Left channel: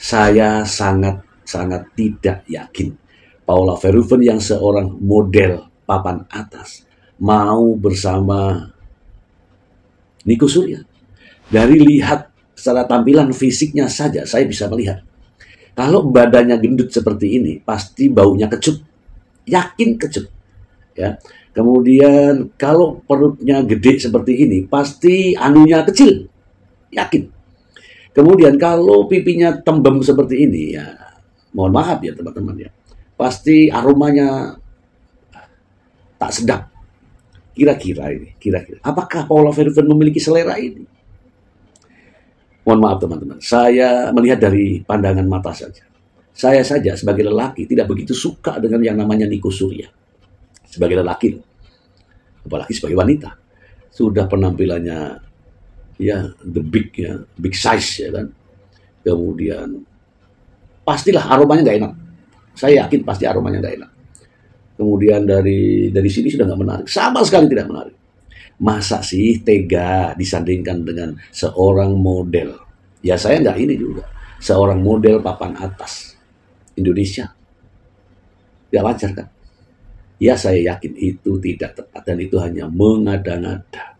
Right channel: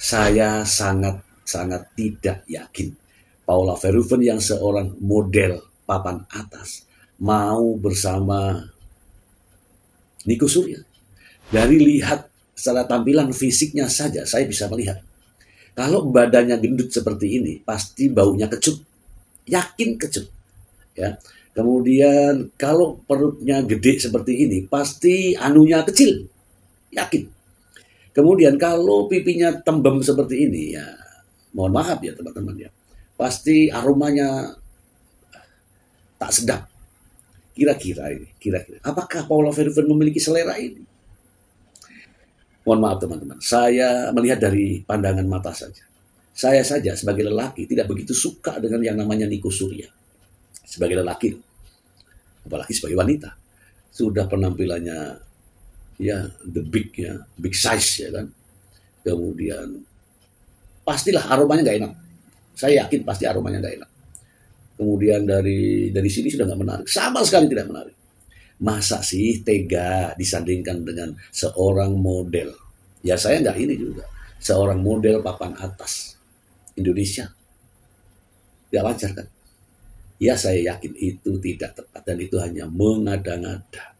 Saya sangat tidak yakin Paula Verhoeven yang seorang model papan atas mau bersama Nico Surya. Dari lihat secara tampilan fisiknya saja saya bisa melihat. Kalau badannya gendut seperti ini, pasti baunya kecut. Yakin kecut. Ya. Kemudian kalau perutnya gede seperti ini, pasti anunya kecil. Yakin. Kemudian kalau pipinya tembem seperti ini, ya mohon maaf ya teman-teman ya, pasti aromanya tak sedap. Kira-kira apakah Paula Verhoeven memiliki selera ini? Mohon maaf teman-teman, saya melihat dari pandangan mata saja. Saya saja sebagai lelaki tidak begitu suka dengan yang namanya Nico Surya. Sebagai lelaki, apalagi sebagai wanita, sudah penampilannya ya big size ya kan. Kemudian pastilah aromanya nggak enak. Saya yakin pasti aromanya nggak enak. Kemudian dari sini sudah nggak menarik, sama sekali tidak menarik. Masa sih tega disandingkan dengan seorang model? Ya saya nggak ini juga, seorang model papan atas Indonesia. Ya wajar kan? Ya saya yakin itu tidak tepat dan itu hanya mengada-ngada.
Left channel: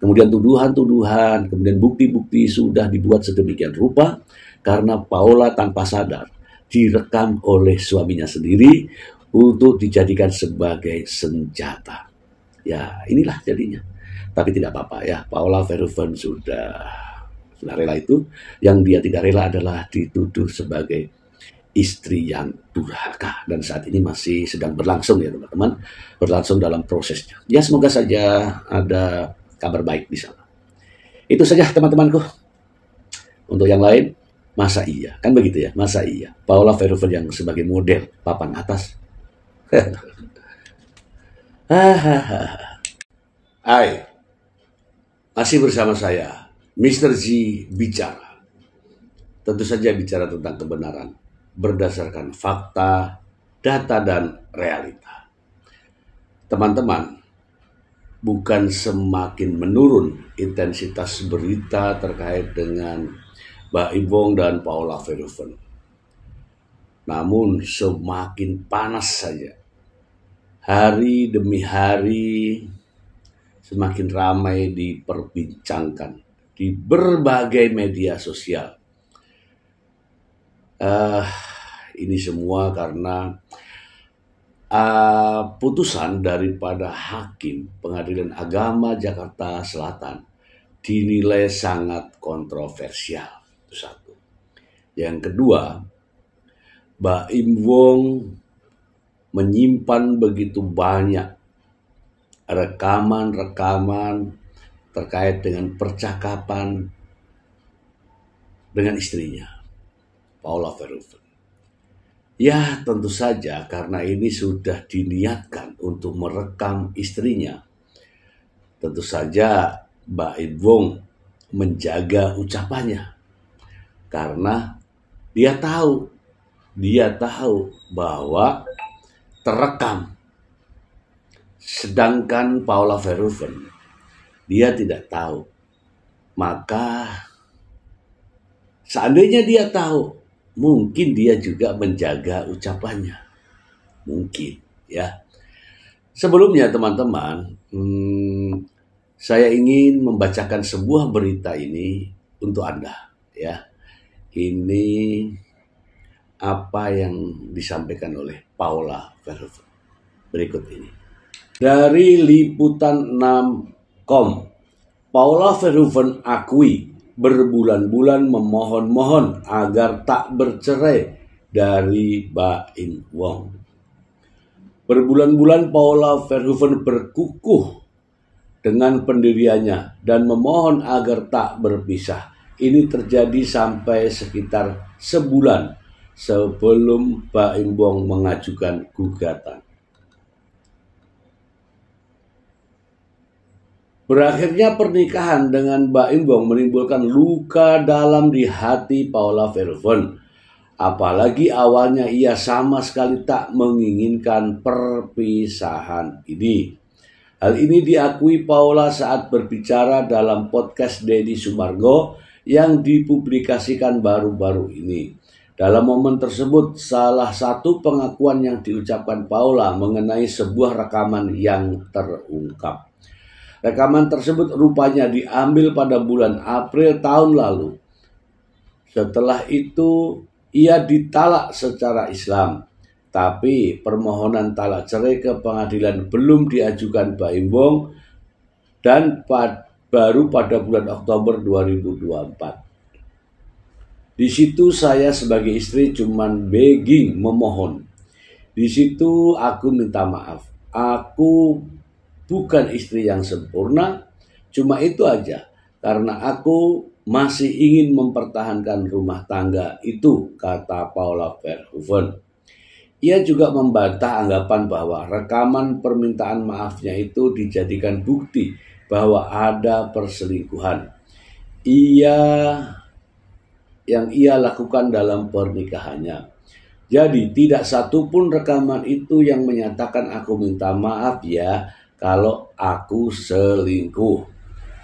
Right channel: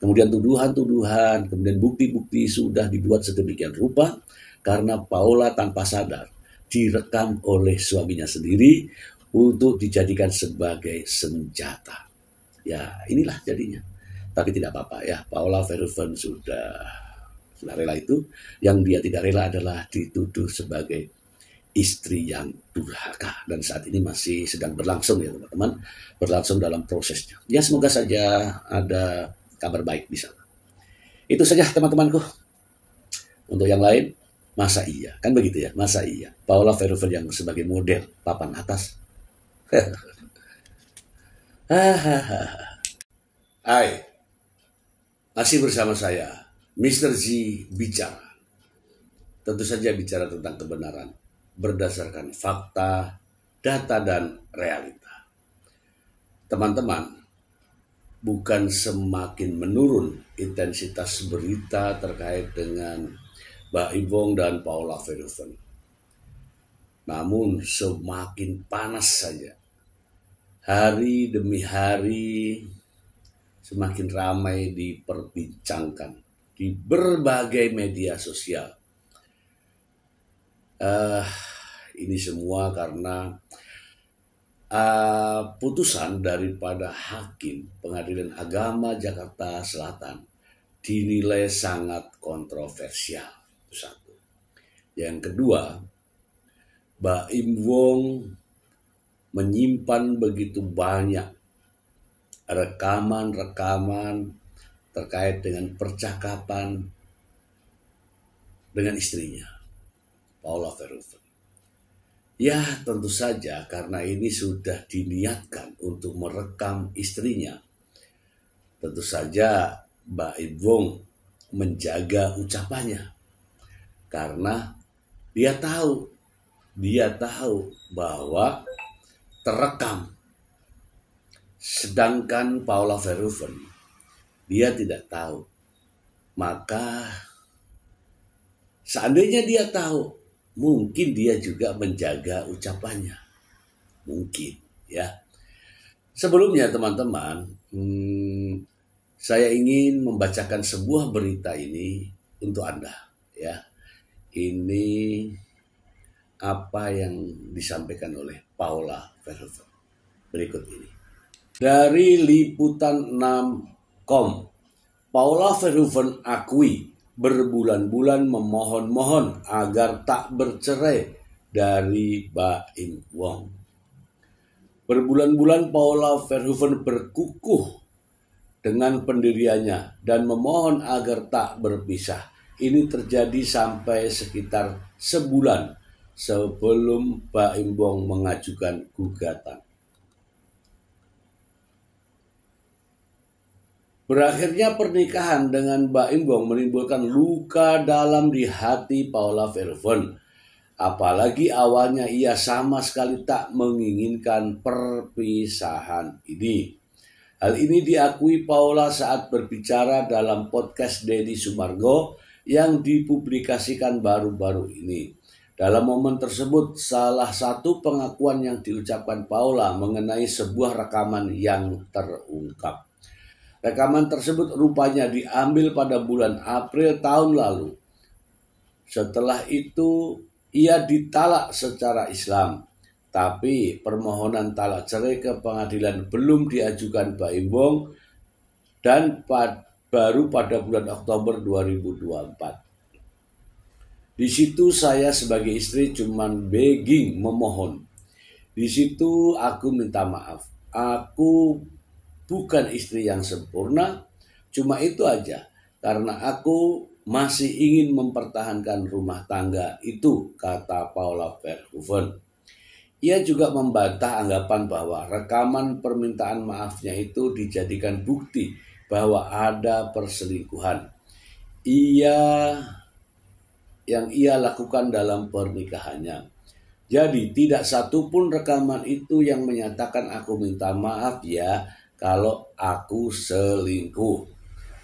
Kemudian tuduhan-tuduhan, kemudian bukti-bukti sudah dibuat sedemikian rupa karena Paula tanpa sadar direkam oleh suaminya sendiri untuk dijadikan sebagai senjata. Ya inilah jadinya. Tapi tidak apa-apa ya, Paula Verhoeven sudah rela itu. Yang dia tidak rela adalah dituduh sebagai istri yang durhaka. Dan saat ini masih sedang berlangsung ya teman-teman. Berlangsung dalam prosesnya. Ya semoga saja ada kabar baik di sana. Itu saja teman-temanku. Untuk yang lain, masa iya? Kan begitu ya, masa iya? Paula Verhoeven yang sebagai model papan atas. Hai, masih bersama saya, Mr. Z bicara. Tentu saja bicara tentang kebenaran, berdasarkan fakta, data, dan realita. Teman-teman, bukan semakin menurun intensitas berita terkait dengan Mbak Imbong dan Paula Verhoeven. Namun semakin panas saja. Hari demi hari semakin ramai diperbincangkan di berbagai media sosial. Ini semua karena putusan daripada Hakim Pengadilan Agama Jakarta Selatan dinilai sangat kontroversial. Itu satu. Yang kedua, Mbak Im Wong menyimpan begitu banyak rekaman-rekaman terkait dengan percakapan dengan istrinya, Paula Verhoeven. Ya tentu saja karena ini sudah diniatkan untuk merekam istrinya. Tentu saja Mbak Im Wong menjaga ucapannya. Karena dia tahu bahwa terekam. Sedangkan Paula Verhoeven dia tidak tahu. Maka seandainya dia tahu, mungkin dia juga menjaga ucapannya. Mungkin ya. Sebelumnya teman-teman, saya ingin membacakan sebuah berita ini untuk Anda ya. Ini apa yang disampaikan oleh Paula Verhoeven. Berikut ini. Dari liputan6.com, Paula Verhoeven akui berbulan-bulan memohon-mohon agar tak bercerai dari Mbak Im Wong. Berbulan-bulan Paula Verhoeven berkukuh dengan pendiriannya dan memohon agar tak berpisah. Ini terjadi sampai sekitar sebulan sebelum Mbak Im Wong mengajukan gugatan. Berakhirnya pernikahan dengan Mbak Im Wong menimbulkan luka dalam di hati Paula Verhoeven. Apalagi awalnya ia sama sekali tak menginginkan perpisahan ini. Hal ini diakui Paula saat berbicara dalam podcast Deddy Sumargo yang dipublikasikan baru-baru ini. Dalam momen tersebut, salah satu pengakuan yang diucapkan Paula mengenai sebuah rekaman yang terungkap. Rekaman tersebut rupanya diambil pada bulan April tahun lalu. Setelah itu, ia ditalak secara Islam. Tapi permohonan talak cerai ke pengadilan belum diajukan Baim Wong dan baru pada bulan Oktober 2024. Di situ saya sebagai istri cuman begging, memohon. Di situ aku minta maaf. Aku bukan istri yang sempurna, cuma itu aja. Karena aku masih ingin mempertahankan rumah tangga itu, kata Paula Verhoeven. Ia juga membantah anggapan bahwa rekaman permintaan maafnya itu dijadikan bukti bahwa ada perselingkuhan yang ia lakukan dalam pernikahannya. Jadi tidak satupun rekaman itu yang menyatakan aku minta maaf ya kalau aku selingkuh.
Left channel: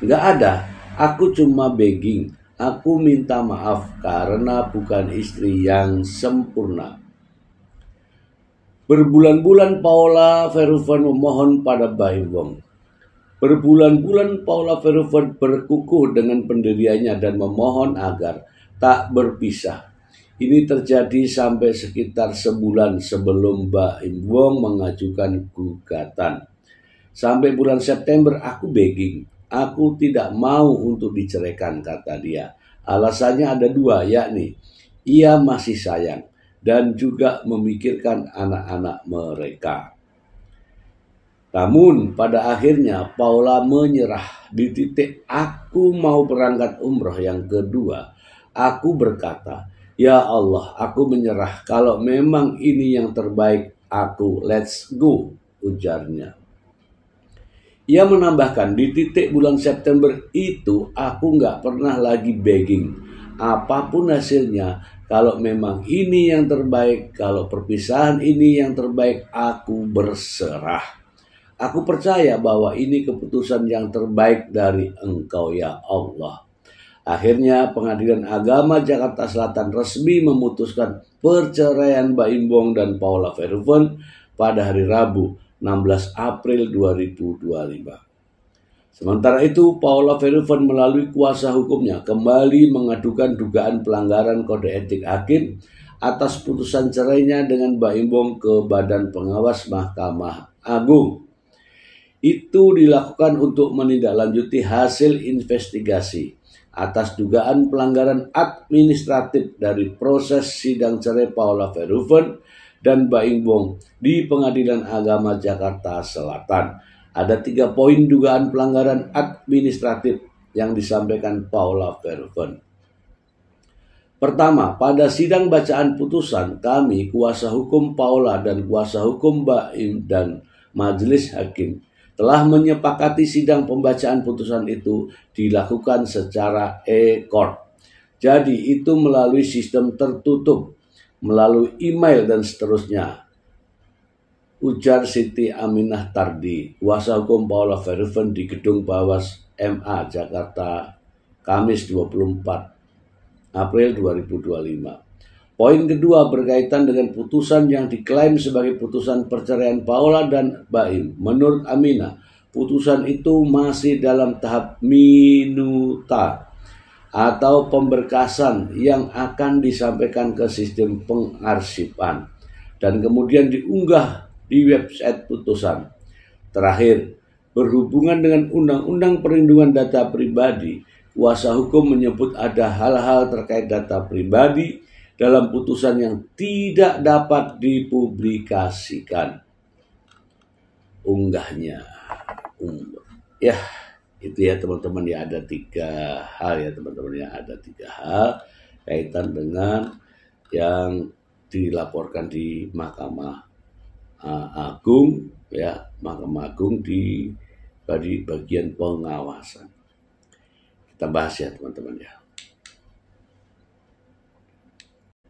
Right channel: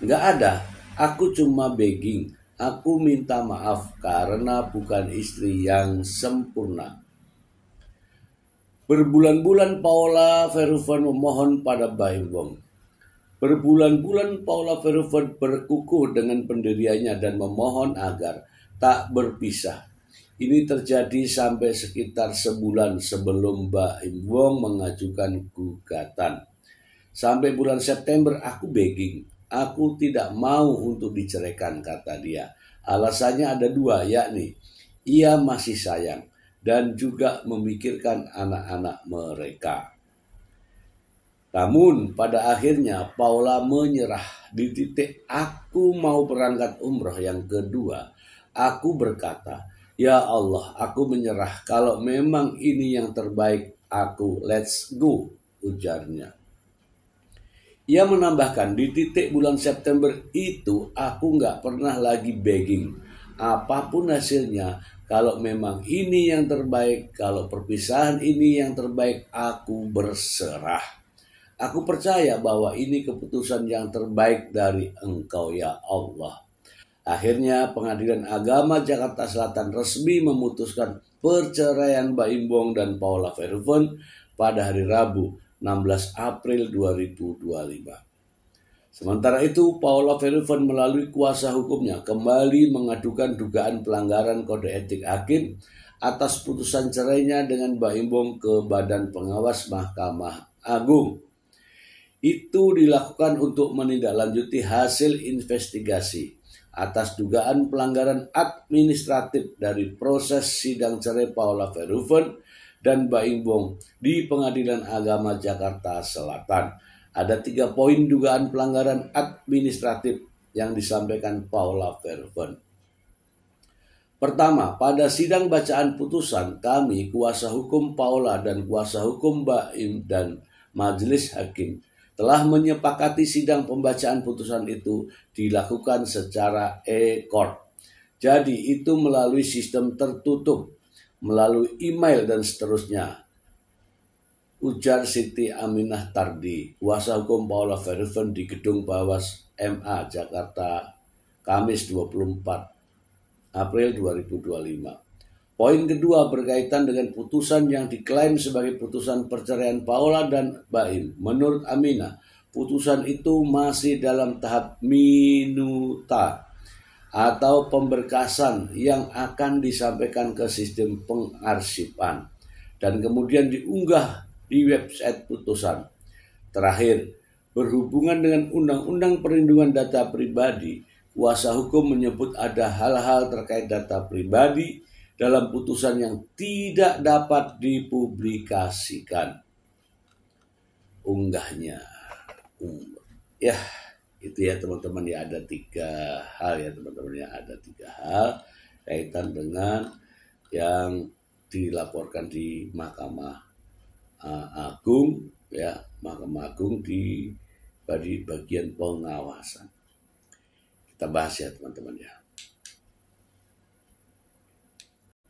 Nggak ada, aku cuma begging, aku minta maaf karena bukan istri yang sempurna. Berbulan-bulan Paula Verhoeven memohon pada Baim Wong. Berbulan-bulan Paula Verhoeven berkukuh dengan pendiriannya dan memohon agar tak berpisah. Ini terjadi sampai sekitar sebulan sebelum Baim Wong mengajukan gugatan. Sampai bulan September aku begging. Aku tidak mau untuk diceraikan, kata dia. Alasannya ada dua, yakni ia masih sayang dan juga memikirkan anak-anak mereka. Namun pada akhirnya Paula menyerah. Di titik aku mau berangkat umroh yang kedua, aku berkata, ya Allah, aku menyerah. Kalau memang ini yang terbaik, aku let's go, ujarnya. Ia menambahkan, di titik bulan September itu aku gak pernah lagi begging. Apapun hasilnya, kalau memang ini yang terbaik, kalau perpisahan ini yang terbaik, aku berserah. Aku percaya bahwa ini keputusan yang terbaik dari Engkau ya Allah. Akhirnya Pengadilan Agama Jakarta Selatan resmi memutuskan perceraian Baim Wong dan Paula Verhoeven pada hari Rabu 16 April 2025. Sementara itu Paula Verhoeven melalui kuasa hukumnya kembali mengadukan dugaan pelanggaran kode etik hakim atas putusan cerainya dengan Baim Wong ke Badan Pengawas Mahkamah Agung. Itu dilakukan untuk menindaklanjuti hasil investigasi atas dugaan pelanggaran administratif dari proses sidang cerai Paula Verhoeven dan Baim Wong di Pengadilan Agama Jakarta Selatan. Ada 3 poin dugaan pelanggaran administratif yang disampaikan Paula Verhoeven. Pertama, pada sidang bacaan putusan, kami, kuasa hukum Paula dan kuasa hukum Baim dan majelis hakim telah menyepakati sidang pembacaan putusan itu dilakukan secara e-court. Jadi itu melalui sistem tertutup, melalui email dan seterusnya. Ujar Siti Aminah Tardi, kuasa hukum Paula Verhoeven di Gedung Bawas MA Jakarta, Kamis 24 April 2025. Poin kedua berkaitan dengan putusan yang diklaim sebagai putusan perceraian Paula dan Baim. Menurut Aminah, putusan itu masih dalam tahap minuta atau pemberkasan yang akan disampaikan ke sistem pengarsipan dan kemudian diunggah di website putusan. Terakhir, berhubungan dengan Undang-Undang Perlindungan Data Pribadi, kuasa hukum menyebut ada hal-hal terkait data pribadi dalam putusan yang tidak dapat dipublikasikan. Unggahnya. Ya, itu ya teman-teman ya, ada 3 hal ya teman-teman ya, ada 3 hal kaitan dengan yang dilaporkan di Mahkamah Agung ya, Mahkamah Agung di bagian pengawasan. Kita bahas ya teman-teman ya.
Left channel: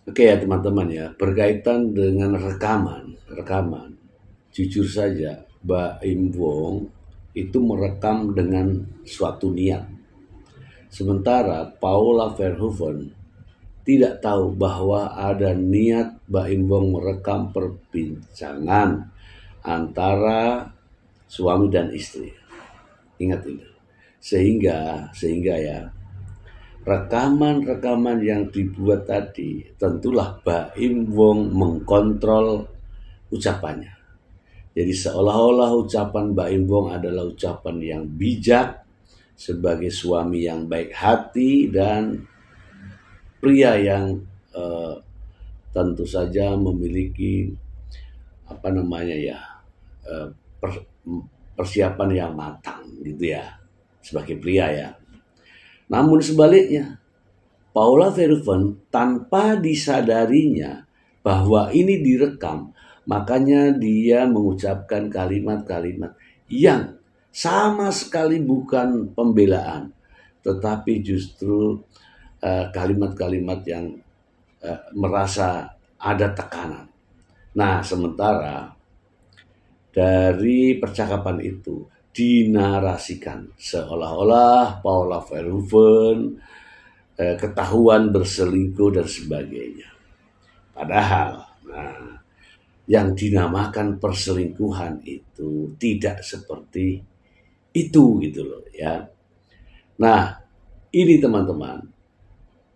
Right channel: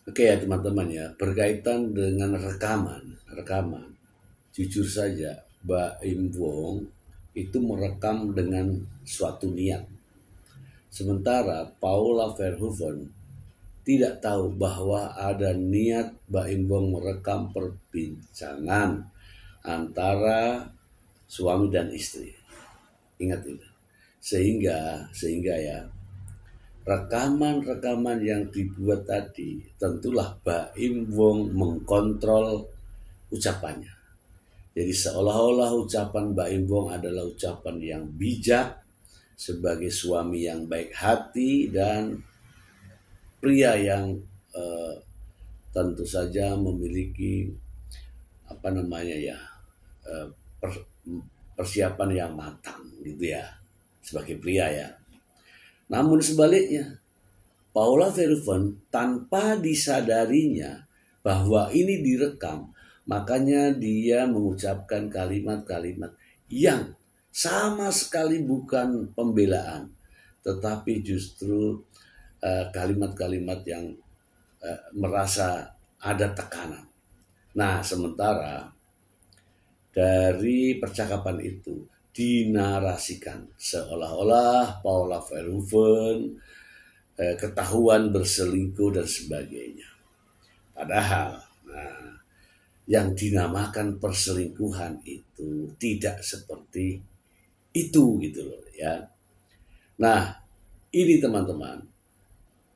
Oke ya teman-teman ya, berkaitan dengan rekaman, jujur saja Baim Wong itu merekam dengan suatu niat. Sementara Paula Verhoeven tidak tahu bahwa ada niat Baim Wong merekam perbincangan antara suami dan istri. Ingat itu. Sehingga ya, rekaman-rekaman yang dibuat tadi tentulah Baim Wong mengkontrol ucapannya. Jadi seolah-olah ucapan Baim Wong adalah ucapan yang bijak sebagai suami yang baik hati dan pria yang tentu saja memiliki persiapan yang matang gitu ya sebagai pria ya. Namun sebaliknya, Paula Verhoeven tanpa disadarinya bahwa ini direkam, makanya dia mengucapkan kalimat-kalimat yang sama sekali bukan pembelaan, tetapi justru kalimat-kalimat yang merasa ada tekanan. Nah, sementara dari percakapan itu dinarasikan seolah-olah Paula Verhoeven ketahuan berselingkuh dan sebagainya. Padahal yang dinamakan perselingkuhan itu tidak seperti itu gitu loh ya. Nah, ini teman-teman,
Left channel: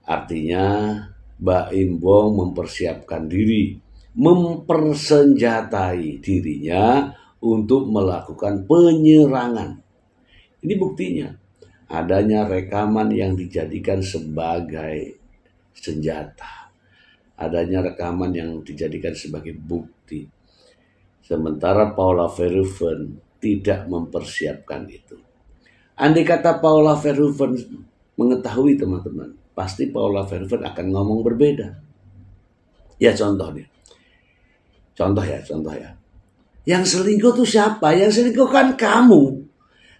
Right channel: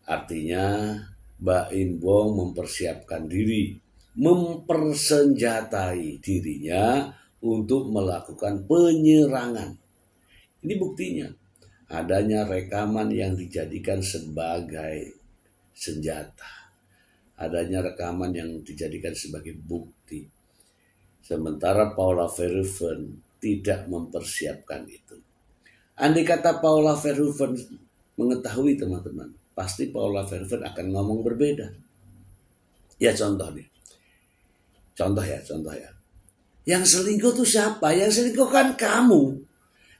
artinya Baim Wong mempersiapkan diri, mempersenjatai dirinya untuk melakukan penyerangan. Ini buktinya, adanya rekaman yang dijadikan sebagai senjata. Adanya rekaman yang dijadikan sebagai bukti. Sementara Paula Verhoeven tidak mempersiapkan itu. Andai kata Paula Verhoeven mengetahui teman-teman, pasti Paula Verhoeven akan ngomong berbeda. Ya contoh ya. Yang selingkuh tuh siapa? Yang selingkuh kan kamu.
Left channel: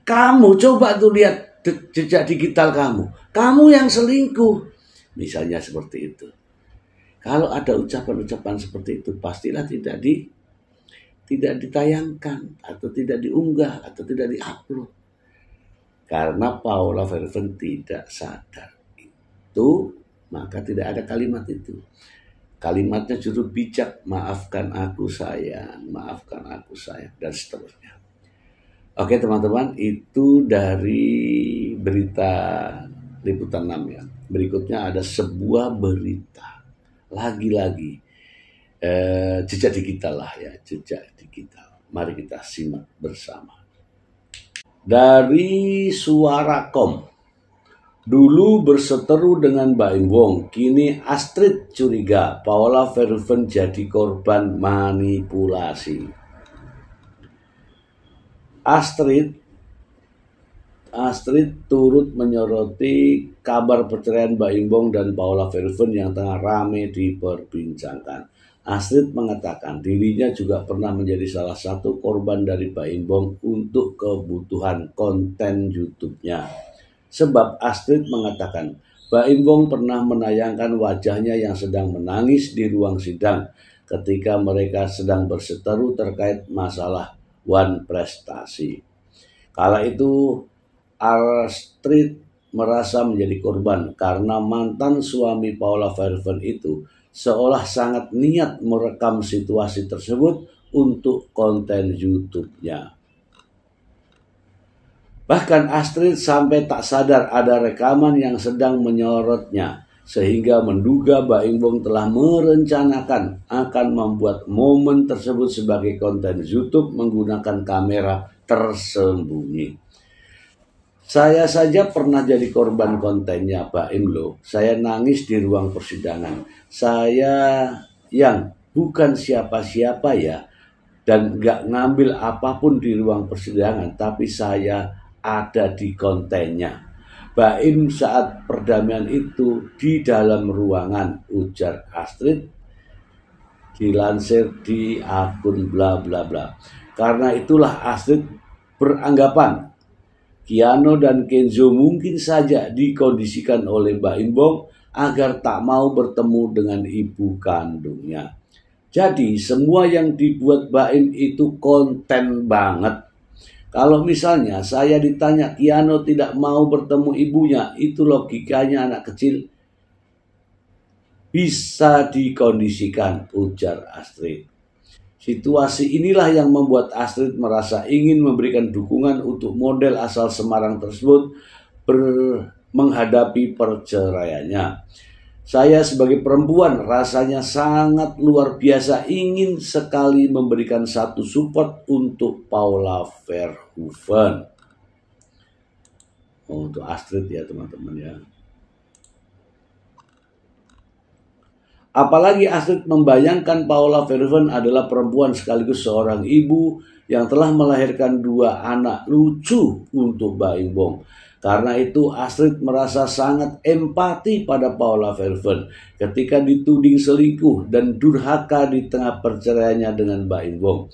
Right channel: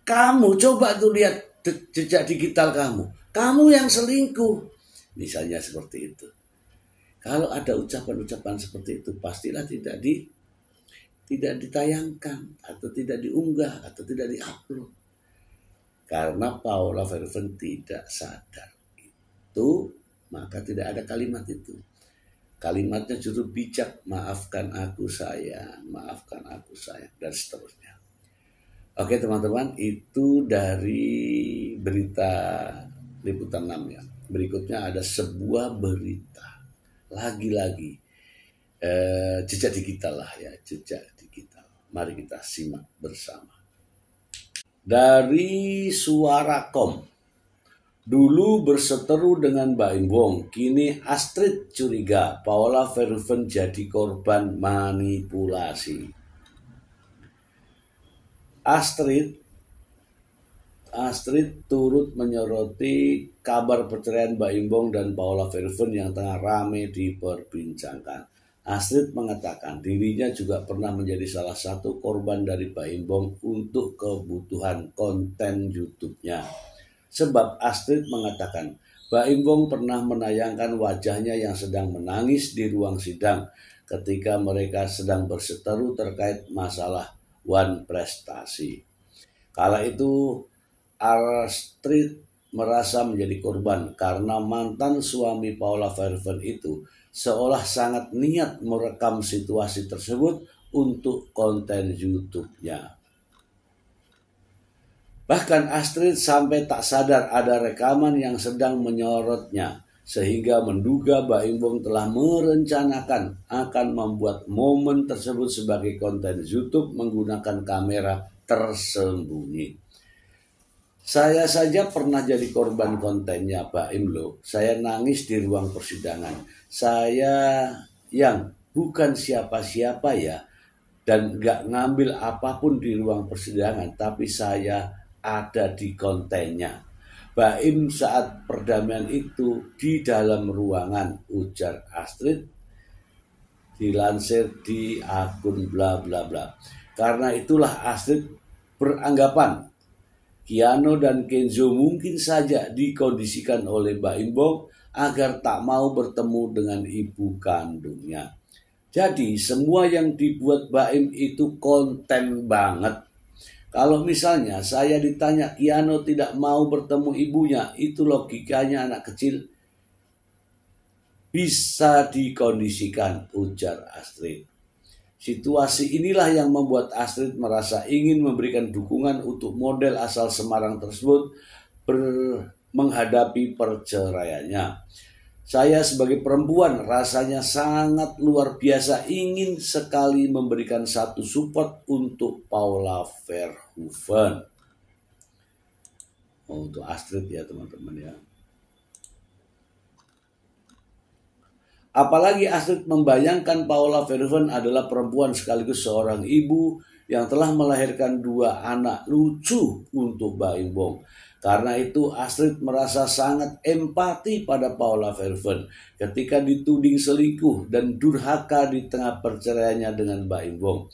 Kamu coba tuh lihat jejak digital kamu. Kamu yang selingkuh. Misalnya seperti itu. Kalau ada ucapan-ucapan seperti itu, pastilah tidak ditayangkan atau tidak diunggah atau tidak diupload. Karena Paula Verhoeven tidak sadar itu, maka tidak ada kalimat itu. Kalimatnya justru bijak, maafkan aku sayang, dan seterusnya. Oke teman-teman, itu dari berita Liputan 6 ya. Berikutnya ada sebuah berita, lagi-lagi jejak digital lah ya, jejak digital. Mari kita simak bersama. Dari Suara.com. Dulu berseteru dengan Baim Wong, kini Astrid curiga Paula Verhoeven jadi korban manipulasi. Astrid turut menyoroti kabar perceraian Baim Wong dan Paula Verhoeven yang tengah ramai diperbincangkan. Astrid mengatakan dirinya juga pernah menjadi salah satu korban dari Baim Wong untuk kebutuhan konten YouTube-nya. Sebab Astrid mengatakan Baim Wong pernah menayangkan wajahnya yang sedang menangis di ruang sidang ketika mereka sedang berseteru terkait masalah wan prestasi. Kala itu Astrid merasa menjadi korban karena mantan suami Paula Verhoeven itu seolah sangat niat merekam situasi tersebut untuk konten YouTube-nya. Bahkan Astrid sampai tak sadar ada rekaman yang sedang menyorotnya, sehingga menduga Baim Wong telah merencanakan akan membuat momen tersebut sebagai konten YouTube menggunakan kamera tersembunyi. Saya saja pernah jadi korban kontennya Baim loh. Saya nangis di ruang persidangan. Saya yang bukan siapa-siapa ya, dan gak ngambil apapun di ruang persidangan, tapi saya ada di kontennya. Baim saat perdamaian itu di dalam ruangan, ujar Astrid, dilansir di akun bla bla bla. Karena itulah Astrid beranggapan Keanu dan Kenzo mungkin saja dikondisikan oleh Baim Wong agar tak mau bertemu dengan ibu kandungnya. Jadi semua yang dibuat Baim itu konten banget. Kalau misalnya saya ditanya Kiano tidak mau bertemu ibunya, itu logikanya anak kecil bisa dikondisikan, ujar Astrid. Situasi inilah yang membuat Astrid merasa ingin memberikan dukungan untuk model asal Semarang tersebut menghadapi perceraiannya. Saya sebagai perempuan rasanya sangat luar biasa ingin sekali memberikan satu support untuk Paula Verhoeven. Untuk Astrid ya teman-teman ya. Apalagi Astrid membayangkan Paula Verhoeven adalah perempuan sekaligus seorang ibu yang telah melahirkan 2 anak lucu untuk Baim Wong. Karena itu Astrid merasa sangat empati pada Paula Verhoeven ketika dituding selingkuh dan durhaka di tengah perceraiannya dengan Baim Wong.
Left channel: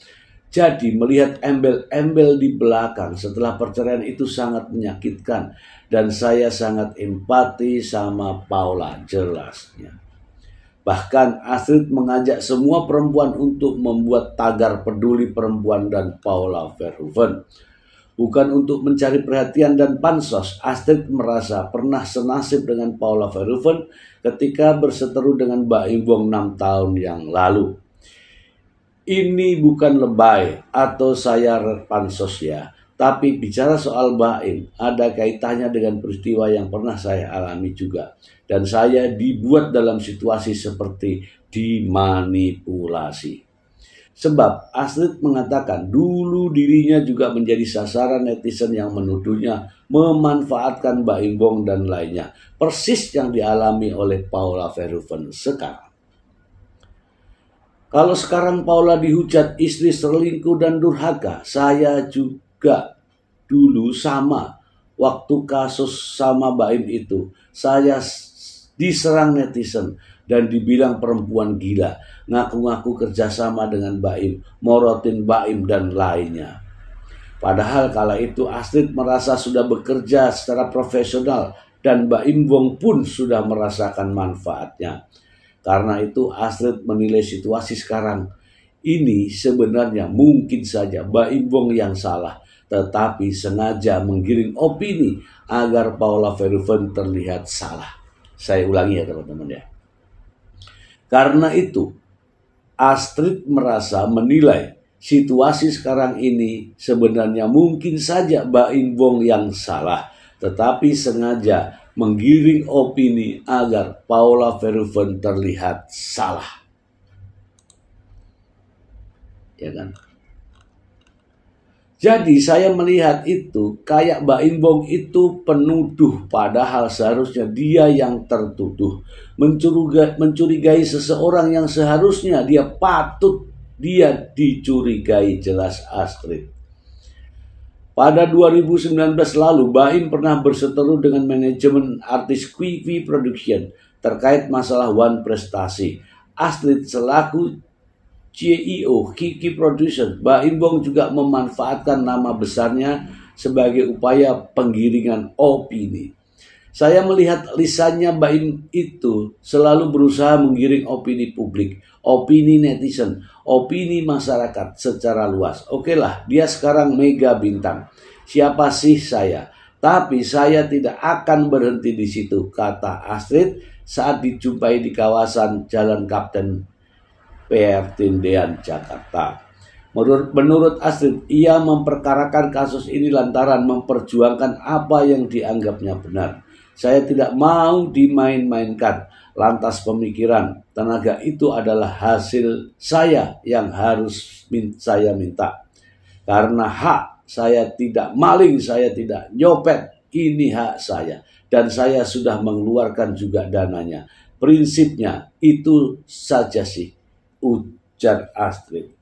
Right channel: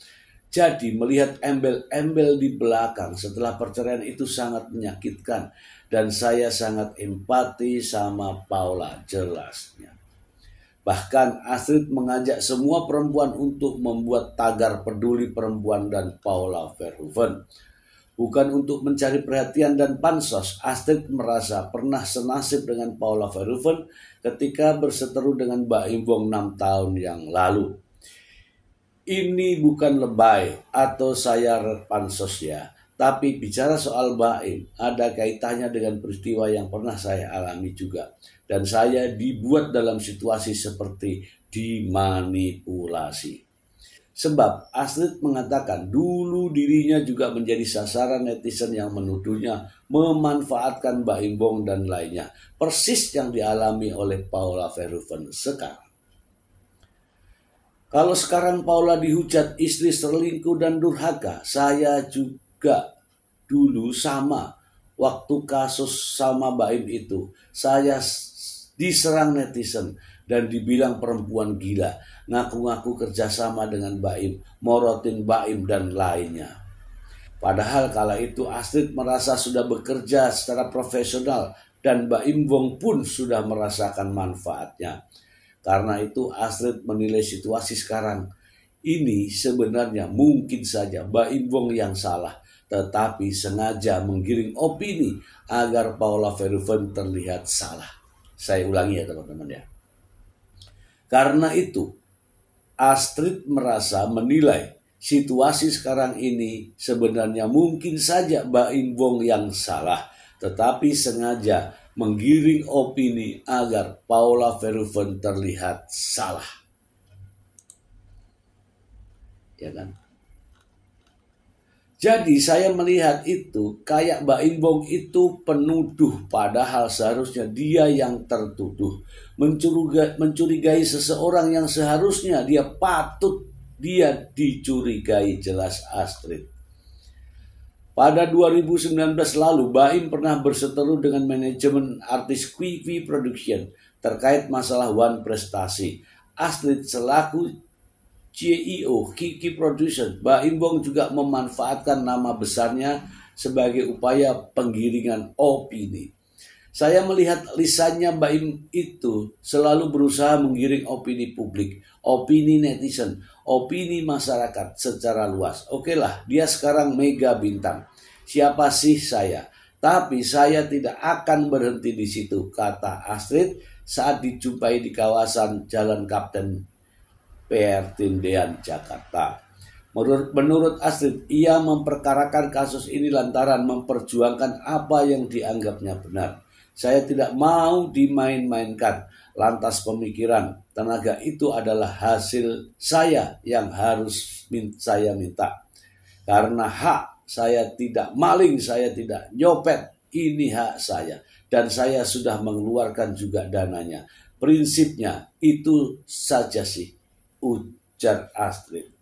Jadi melihat embel-embel di belakang setelah perceraian itu sangat menyakitkan dan saya sangat empati sama Paula, jelasnya. Bahkan Astrid mengajak semua perempuan untuk membuat tagar peduli perempuan dan Paula Verhoeven. Bukan untuk mencari perhatian dan pansos, Astrid merasa pernah senasib dengan Paula Verhoeven ketika berseteru dengan Baim Wong 6 tahun yang lalu. Ini bukan lebay atau saya pansos ya, tapi bicara soal Baim ada kaitannya dengan peristiwa yang pernah saya alami juga. Dan saya dibuat dalam situasi seperti dimanipulasi. Sebab Astrid mengatakan dulu dirinya juga menjadi sasaran netizen yang menuduhnya memanfaatkan Baim Wong dan lainnya. Persis yang dialami oleh Paula Verhoeven sekarang. Kalau sekarang Paula dihujat istri selingkuh dan durhaka, saya juga dulu sama. Waktu kasus sama Baim itu, saya diserang netizen dan dibilang perempuan gila, ngaku-ngaku kerjasama dengan Baim, morotin Baim dan lainnya. Padahal kala itu Astrid merasa sudah bekerja secara profesional dan Baim Wong pun sudah merasakan manfaatnya. Karena itu Astrid menilai situasi sekarang ini sebenarnya mungkin saja Baim Wong yang salah, tetapi sengaja menggiring opini agar Paula Verhoeven terlihat salah. Saya ulangi ya teman-teman ya. Karena itu Astrid merasa menilai situasi sekarang ini sebenarnya mungkin saja Baim Wong yang salah, tetapi sengaja menggiring opini agar Paula Verhoeven terlihat salah. Ya kan? Jadi saya melihat itu kayak Baim Wong itu penuduh, padahal seharusnya dia yang tertuduh. Mencurigai seseorang yang seharusnya dia patut dia dicurigai, jelas Astrid. Pada 2019 lalu Baim pernah berseteru dengan manajemen artis Quivi Production terkait masalah One Prestasi. Astrid selaku CEO Kiki Production, Baim Wong juga memanfaatkan nama besarnya sebagai upaya penggiringan opini. Saya melihat lisannya Baim itu selalu berusaha menggiring opini publik, opini netizen, opini masyarakat secara luas. Oke lah, dia sekarang mega bintang. Siapa sih saya? Tapi saya tidak akan berhenti di situ, kata Astrid saat dijumpai di kawasan Jalan Kapten PR Tindean, Jakarta. Menurut Astrid, ia memperkarakan kasus ini lantaran memperjuangkan apa yang dianggapnya benar. Saya tidak mau dimain-mainkan. Lantas pemikiran, tenaga itu adalah hasil saya yang harus saya minta. Karena hak, saya tidak maling, saya tidak nyopet, ini hak saya. Dan saya sudah mengeluarkan juga dananya. Prinsipnya itu saja sih, ujar Astrid.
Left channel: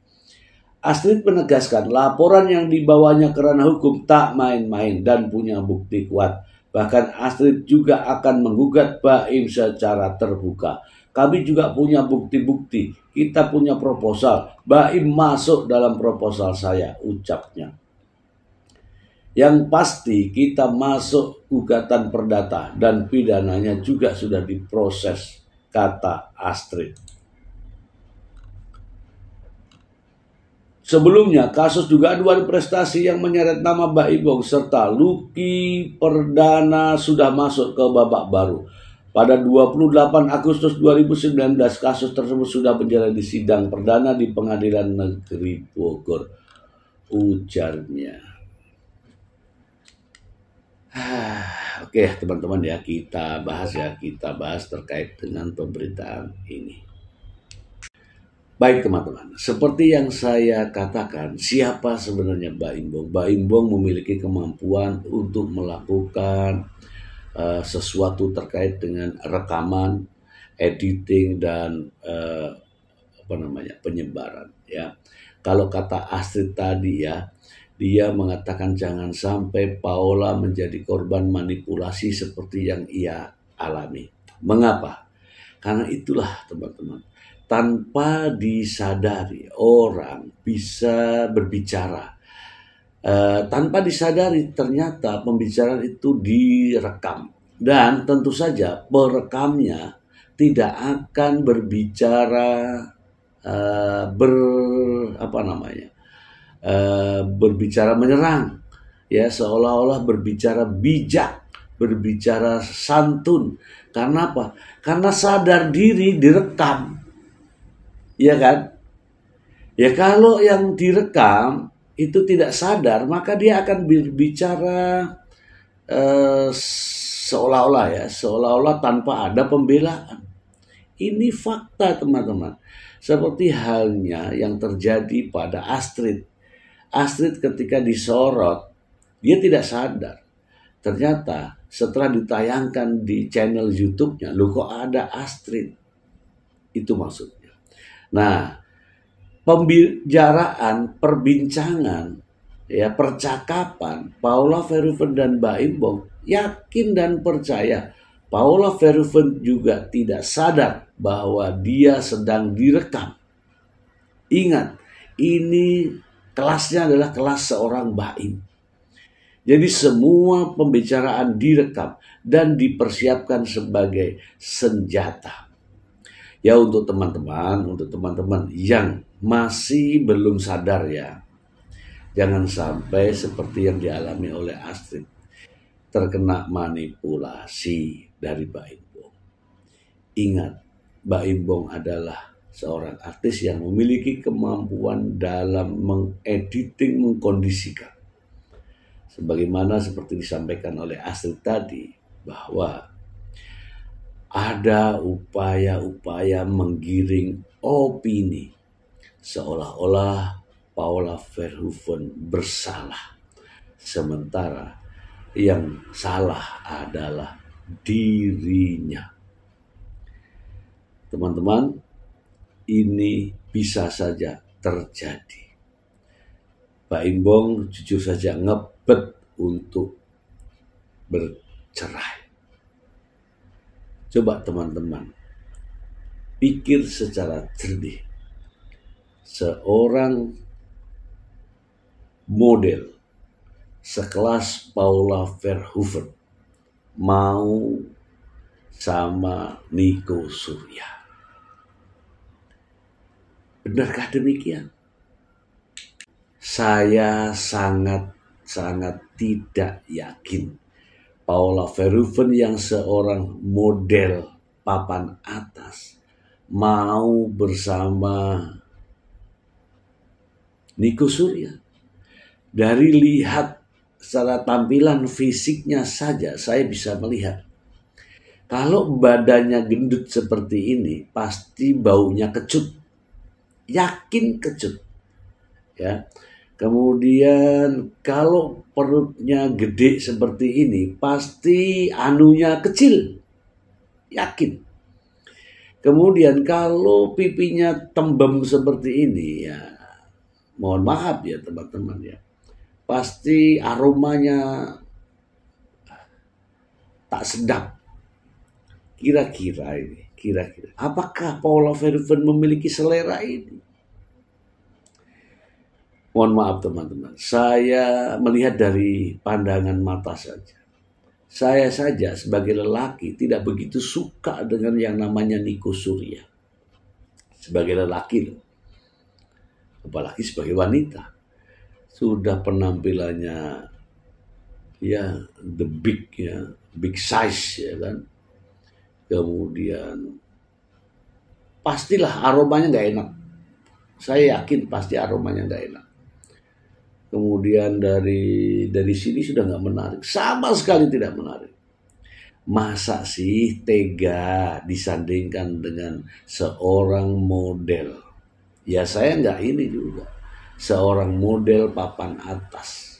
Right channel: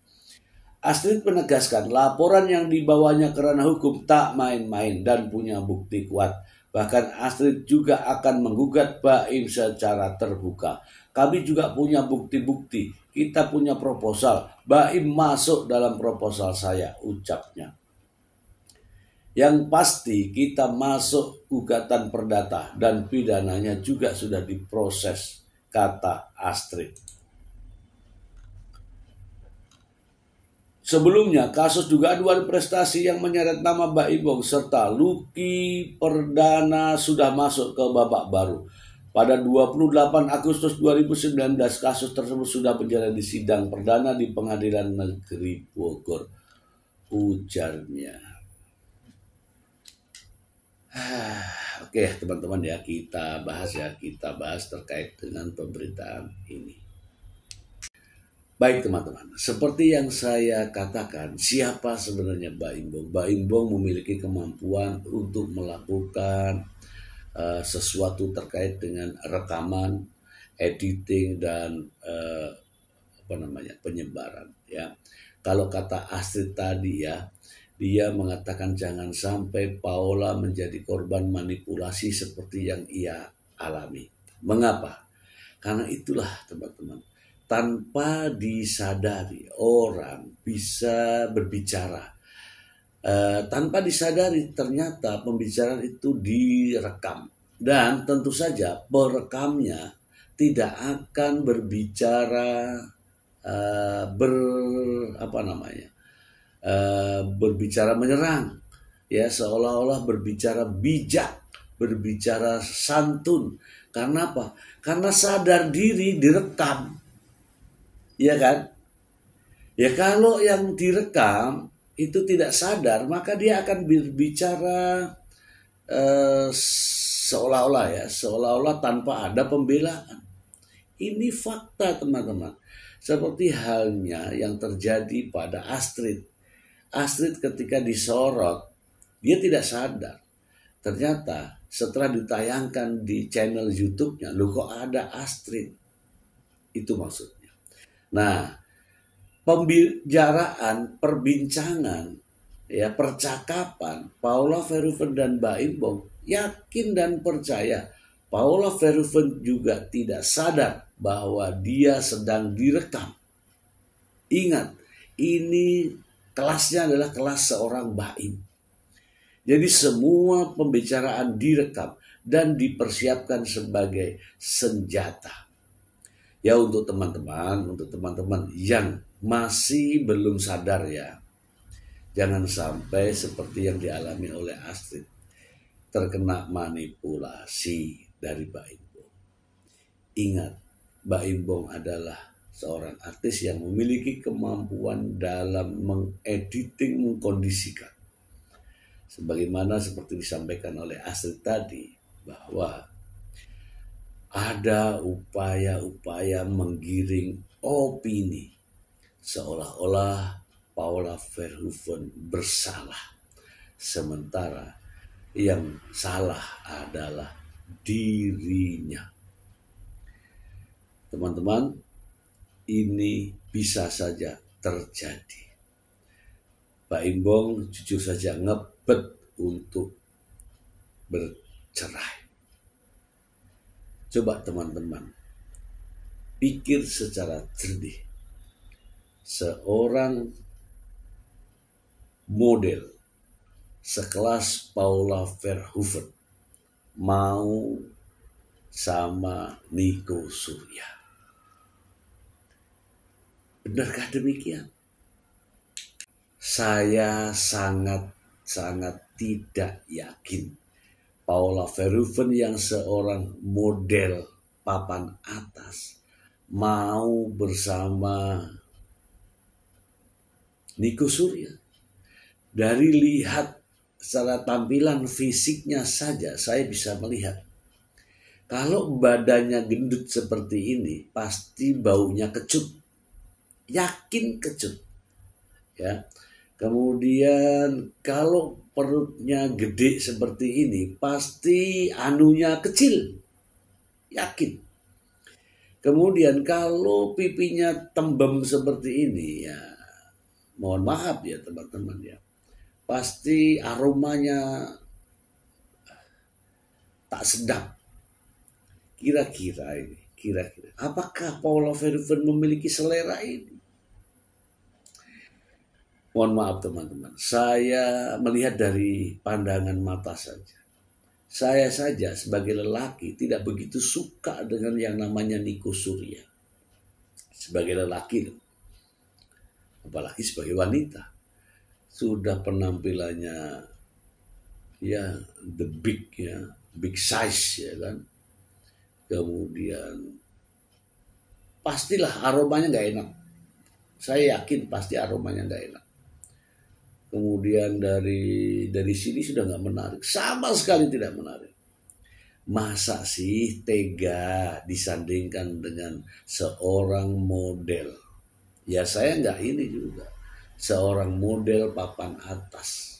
Astrid menegaskan laporan yang dibawanya ke ranah hukum tak main-main dan punya bukti kuat. Bahkan Astrid juga akan menggugat Baim secara terbuka. Kami juga punya bukti-bukti. Kita punya proposal. Baim masuk dalam proposal saya, ucapnya. Yang pasti kita masuk gugatan perdata dan pidananya juga sudah diproses, kata Astrid. Sebelumnya, kasus dugaan dugaan prestasi yang menyeret nama Baim Bong serta Lucky Perdana sudah masuk ke babak baru. Pada 28 Agustus 2019, kasus tersebut sudah berjalan di sidang perdana di Pengadilan Negeri Bogor, ujarnya. Oke, teman-teman ya, kita bahas terkait dengan pemberitaan ini. Baik teman-teman, seperti yang saya katakan, siapa sebenarnya Baim Bong? Baim Bong memiliki kemampuan untuk melakukan sesuatu terkait dengan rekaman, editing, dan penyebaran. Ya, kalau kata Astrid tadi ya, dia mengatakan jangan sampai Paula menjadi korban manipulasi seperti yang ia alami. Mengapa? Karena itulah teman-teman, tanpa disadari orang bisa berbicara. Tanpa disadari ternyata pembicaraan itu direkam. Dan tentu saja perekamnya tidak akan berbicara berbicara menyerang. Ya, seolah-olah berbicara bijak, berbicara santun. Karena apa? Karena sadar diri direkam. Ya kan? Ya kalau yang direkam itu tidak sadar, maka dia akan berbicara seolah-olah tanpa ada pembelaan. Ini fakta teman-teman. Seperti halnya yang terjadi pada Astrid. Astrid ketika disorot, dia tidak sadar. Ternyata setelah ditayangkan di channel YouTube-nya, loh kok ada Astrid? Itu maksudnya. Nah, pembicaraan, perbincangan, ya percakapan Paula Verhoeven dan Baim Bong, yakin dan percaya Paula Verhoeven juga tidak sadar bahwa dia sedang direkam. Ingat, ini kelasnya adalah kelas seorang Baim. Jadi semua pembicaraan direkam dan dipersiapkan sebagai senjata. Ya untuk teman-teman yang masih belum sadar ya, jangan sampai seperti yang dialami oleh Astrid, terkena manipulasi dari Baim Bong. Ingat, Baim Bong adalah seorang artis yang memiliki kemampuan dalam mengediting, mengkondisikan. Sebagaimana seperti disampaikan oleh Astrid tadi, bahwa ada upaya-upaya menggiring opini seolah-olah Paula Verhoeven bersalah, sementara yang salah adalah dirinya. Teman-teman, ini bisa saja terjadi. Baim Bong jujur saja ngebet untuk bercerai. Coba teman-teman pikir secara jernih. Seorang model sekelas Paula Verhoeven mau sama Nico Surya. Benarkah demikian? Saya sangat tidak yakin Paula Verhoeven yang seorang model papan atas mau bersama Nico Surya. Dari lihat secara tampilan fisiknya saja saya bisa melihat, kalau badannya gendut seperti ini pasti baunya kecut, yakin kecut ya. Kemudian kalau perutnya gede seperti ini pasti anunya kecil, yakin. Kemudian kalau pipinya tembem seperti ini ya, mohon maaf ya teman-teman ya, pasti aromanya tak sedap. Kira-kira apakah Paula Verhoeven memiliki selera ini? Mohon maaf teman-teman, saya melihat dari pandangan mata saja. Saya saja sebagai lelaki tidak begitu suka dengan yang namanya Nico Surya. Sebagai lelaki loh. apalagi sebagai wanita. Sudah penampilannya ya the big ya, big size ya kan. Kemudian pastilah aromanya nggak enak. Saya yakin pasti aromanya nggak enak. Kemudian dari sini sudah nggak menarik, sama sekali tidak menarik. Masa sih tega disandingkan dengan seorang model? Ya saya nggak ini juga. Seorang model papan atas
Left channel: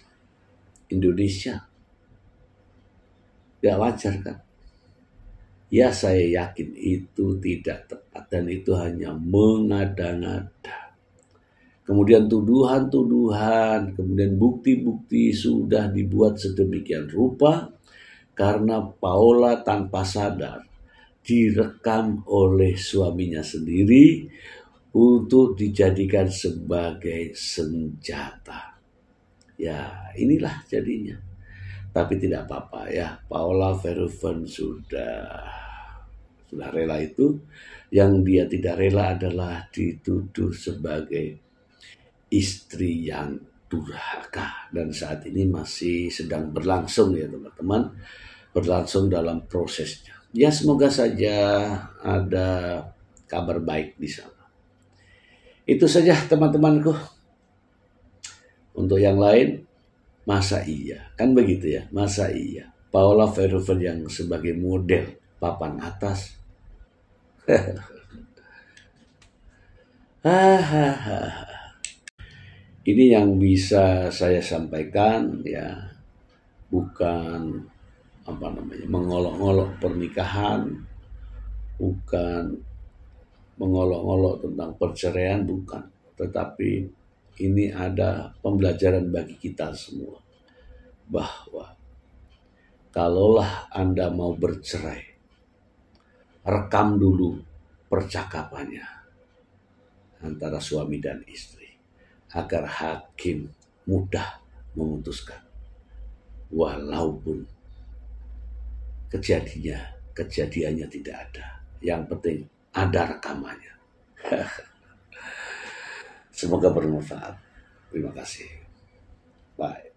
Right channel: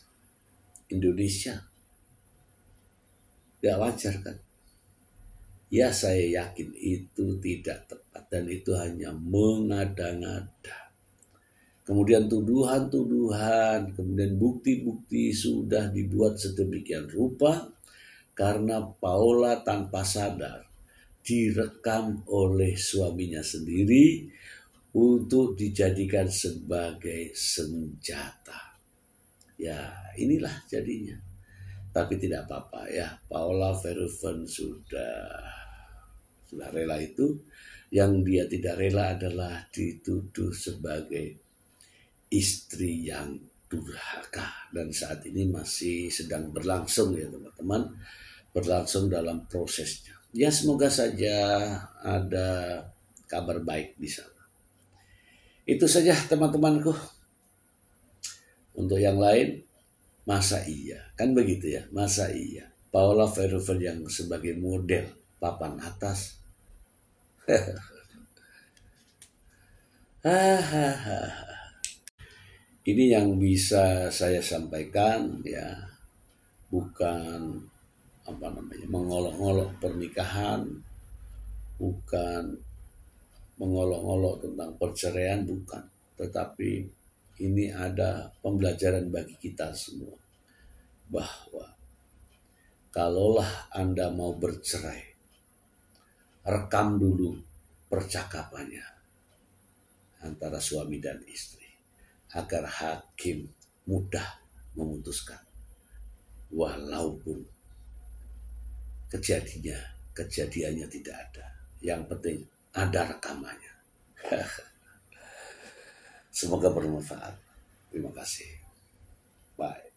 Indonesia. Gak wajar kan? Ya saya yakin itu tidak tepat dan itu hanya mengada-ngada. Kemudian tuduhan-tuduhan, kemudian bukti-bukti sudah dibuat sedemikian rupa karena Paula tanpa sadar direkam oleh suaminya sendiri untuk dijadikan sebagai senjata. Ya inilah jadinya. Tapi tidak apa-apa ya, Paula Verhoeven sudah rela itu. Yang dia tidak rela adalah dituduh sebagai istri yang durhaka, dan saat ini masih sedang berlangsung ya teman-teman, berlangsung dalam prosesnya. Ya semoga saja ada kabar baik di sana. Itu saja teman-temanku. Untuk yang lain, masa iya? Kan begitu ya, masa iya? Paula Verhoeven yang sebagai model papan atas. Ini yang bisa saya sampaikan ya, bukan mengolok-olok pernikahan, bukan mengolok-olok tentang perceraian, bukan. Tetapi ini ada pembelajaran bagi kita semua bahwa kalaulah Anda mau bercerai, rekam dulu percakapannya antara suami dan istri, agar hakim mudah memutuskan walaupun kejadiannya tidak ada. Yang penting ada rekamannya. Semoga bermanfaat. Terima kasih. Bye.